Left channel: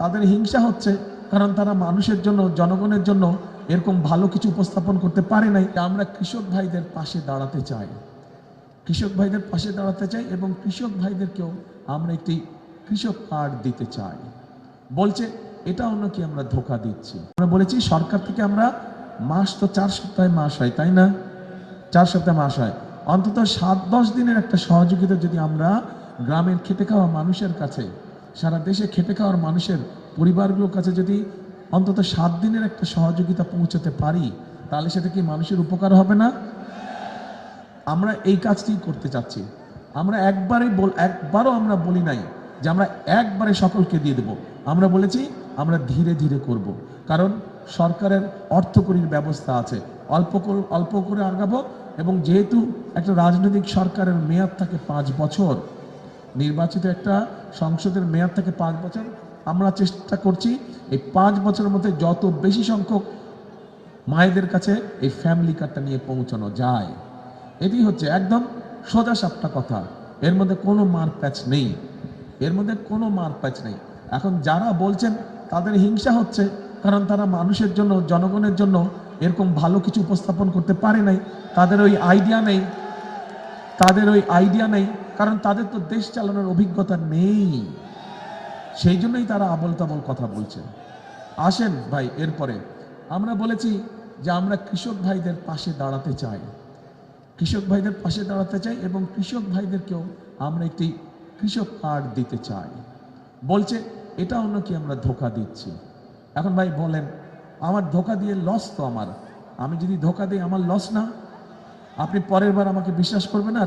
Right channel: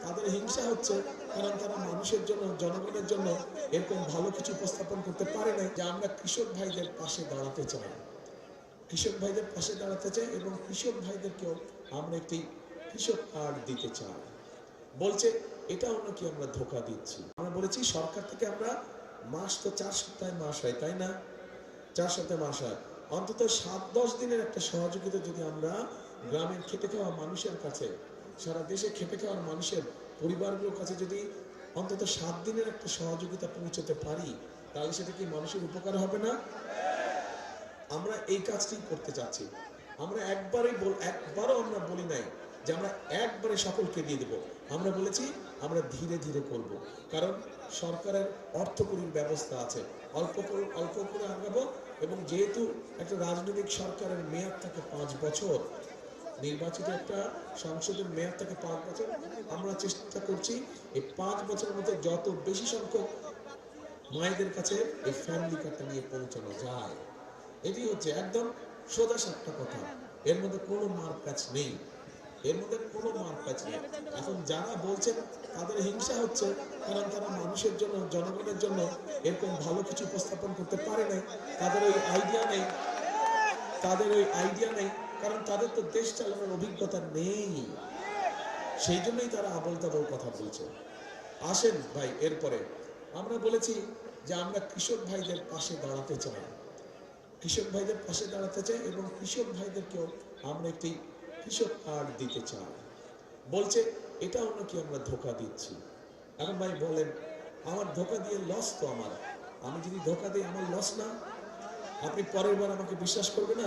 তাদের হিংসা হচ্ছে, কারণ তারা মানুষের জন্য, জনগণের জন্য এরকম ভালো কিছু উপস্থাপন করতে পারে নাই। আমরা কৃষক ভাইদের পাশে দাঁড়াতে চাই, কৃষক ভাইদের পাশে দাঁড়াতে চাই এবং কৃষক ভাইদেরকেও আমরা একটি কৃষক কার্ড দিতে চাই। বলছে এটাও নাকি আমরা ধোকা দিচ্ছি। আমরা বলেছি সরকার থেকে আমরা মাস তো 4 সপ্তাহে মাস হয়, তাই না? 4 সপ্তাহে মাস হয়, অন্তত 7-10 দিনের একটা সহযোগিতা যদি আমরা গ্রামের খেটে খাওয়া মানুষের কাছে, সারা দেশে খেটে খাওয়ার মানুষের পরিবারগুলোর কাছে যদি অন্তত 7 দিনের একটা সহযোগিতা পৌঁছাতে পারি, তাহলে সেটা কি মানুষের উপকার হবে না? আমরা এই কাজটি করতে চাচ্ছি। আমরা একবারও আমরা বলি নাই যে আমরা একবারে সকলকে দিয়ে দেব। আমরা বলেছি আমরা ধীরে ধীরে করব, কারণ সরকারের অর্থকরীর ব্যবস্থা আছে, অল্প করে আগাবো। এবং যেহেতু একটা রাজনৈতিক সরকারের মেয়াদ থাকে 5 বছর, নির্বাচিত একটা সংসদের মেয়াদ থাকে 5 বছর, আমরা চেষ্টা করছি এই 5 বছরের মধ্যে যত বেশি সংখ্যক মায়েদের কাছে এই ফ্যামিলি কার্ডটা নিয়ে পৌঁছানো যায়। এটি হচ্ছে একদম সোজা সাপটা কথা, এর মধ্যে কোনো মার প্যাচ নেই, এর মধ্যে কোনো মার প্যাচ নেই। এখন যারা বলছেন তাদের হিংসা হচ্ছে, কারণ তারা মানুষের জন্য, জনগণের জন্য এরকম ভালো কিছু উপস্থাপন করতে পারে নাই, তাদের ওই আইডিয়া নেই, কারণ তাদের তো দেশ চালানোর অভিজ্ঞতা নেই, সেই জন্যই তারা আবল তাবল কথা বলছে। আসেন ভাই, এরপরে আমরা বলেছি যে আমরা কৃষক ভাইদের পাশে দাঁড়াতে চাই, কৃষক ভাইদের পাশে দাঁড়াতে চাই এবং কৃষক ভাইদেরকেও আমরা একটি কৃষক কার্ড দিতে চাই। বলছে এটাও নাকি আমরা ধোকা দিচ্ছি। এখন ভাই বলেন, আমার ধোকা দিয়ে লস তো আমার, আমি যদি ধোকা দিই আমার লস না? আপনি পরের বার আমাকে বিশ্বাস করবেন না,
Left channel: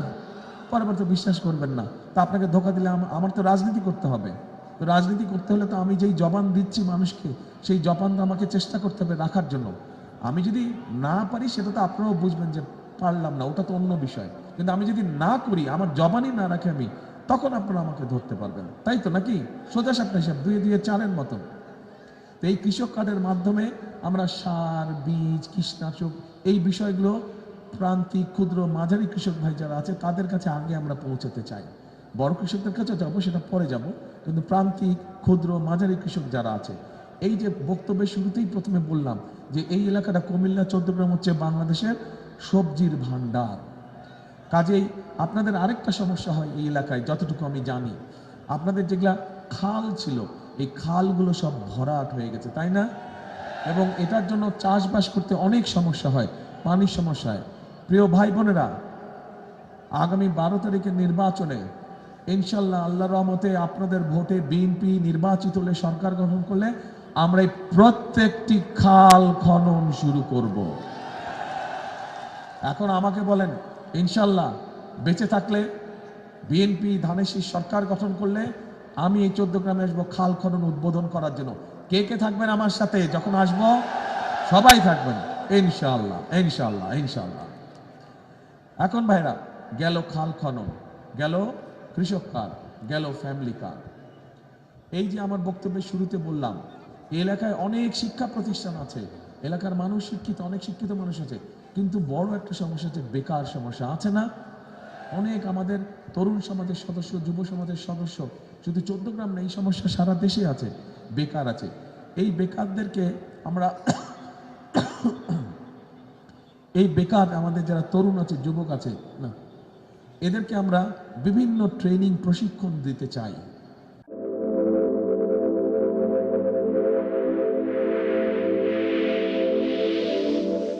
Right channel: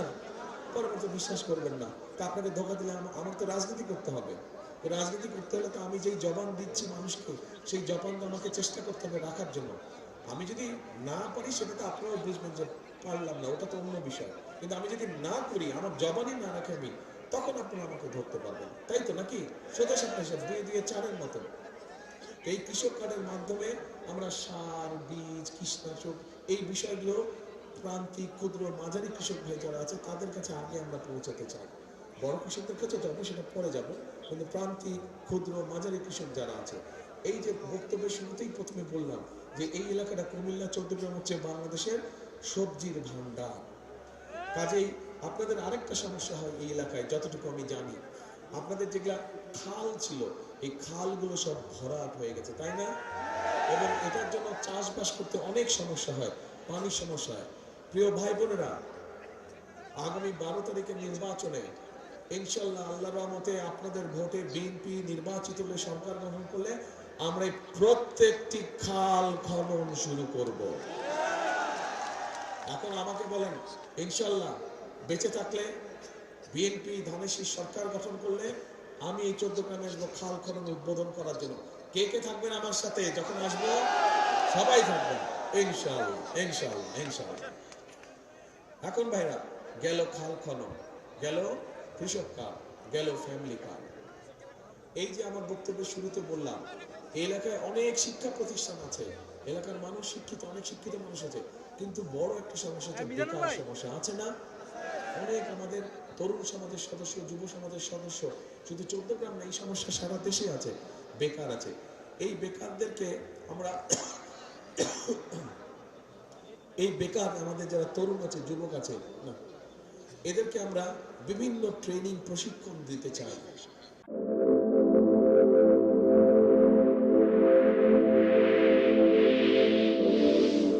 পরের বার তো বিশ্বাস করবেন না, তা আপনাকে ধোকা দিলে আমার তো রাজনীতি করতে হবে। তো রাজনীতি করতে হলে তো আমি যেই জবান দিচ্ছি মানুষকে, সেই জবানটা আমাকে চেষ্টা করতে হবে রাখার জন্য। আমি যদি না পারি সেটা তো আপনারাও বুঝবেন যে পারলাম না, ওটা তো অন্য বিষয়। কিন্তু আমি যদি না করি, আমার জবানই না রাখে আমি, তখন আপনারা আমাকে ধরতে পারবেন, তাই তো নাকি? সোজা সাপটা হিসাব, 2-2-4-এর মতো। এই কৃষক কার্ডের মাধ্যমে আমরা সার, বীজ, কীটনাশক এই বিষয়গুলো প্রান্তিক, ক্ষুদ্র, মাঝারি কৃষক ভাই যারা আছে তাদের কাছে আগে আমরা পৌঁছাতে চাই। বড় কৃষকদের কাছে যাবো, সেটা পরে যাব, কিন্তু প্রান্তিক, ক্ষুদ্র, মাঝারি কৃষক যারা আছে, এই যে বক্তব্যের শুরুতেই প্রথমে বললাম যে এই এলাকাটা কুমিল্লা, চৌদ্দগ্রাম হচ্ছে বাংলাদেশের সবজির ভান্ডার। কাজেই আপনাদের আরেকটা সমস্যা হয় এই এলাকায়, যতটুকু আমি জানি, আপনাদের যেগুলা খাল ছিল, এই খালগুলো সব ভরাট হয়ে গেছে, তাই না? এবং এটার জন্য চাষবাস করতে অনেক সমস্যা হয়, পানির সমস্যা হয়। প্রিয় ভাই বোনেরা, আগামী 12 তারিখের নির্বাচনে ইনশাল্লাহ আল্লাহর রহমতে আপনাদের ভোটে বিএনপি নির্বাচিত হলে, সরকার গঠন করলে, আমরা এই প্রত্যেকটি খাল খনন শুরু করব। এখন আমাকে বলেন, ইনশাল্লাহ বেঁচে থাকলে, বিএনপি ধানের শীষ সরকার গঠন করলে আমি এই 14 গ্রামে আসবো খাল খনন উদ্বোধন করার জন্য। কে কে থাকবেন আমার সাথে যখন আসবো? সবাই থাকবেন ইনশাল্লাহ, ইনশাল্লাহ, ইনশাল্লাহ। এখন ভাইরা, গেল খাল খনন, গেল কৃষক কার্ড, গেল ফ্যামিলি কার্ড। এই যে আমার বক্তব্যের শুরুতে বললাম, এই এলাকায় অনেক শিক্ষা প্রতিষ্ঠান আছে, এলাকার মানুষ শিক্ষিত, অনেক শিক্ষিত মানুষ আছে, কিন্তু বড় একটা সমস্যা হচ্ছে বেকার সমস্যা, আছে না? অনেক আমাদের তরুণ সমাজের সদস্য, যুব সমাজের সদস্য, শুধু 14 গ্রাম না, এই সমস্যা সারা দেশে আছে, বেকার আছে। এই বেকারদেরকে আমরা এই বেকার আমাদের যারা তরুণ আছে, যুবক আছে না, এদেরকে আমরা বিভিন্ন ট্রেনিং, প্রশিক্ষণ দিতে চাই।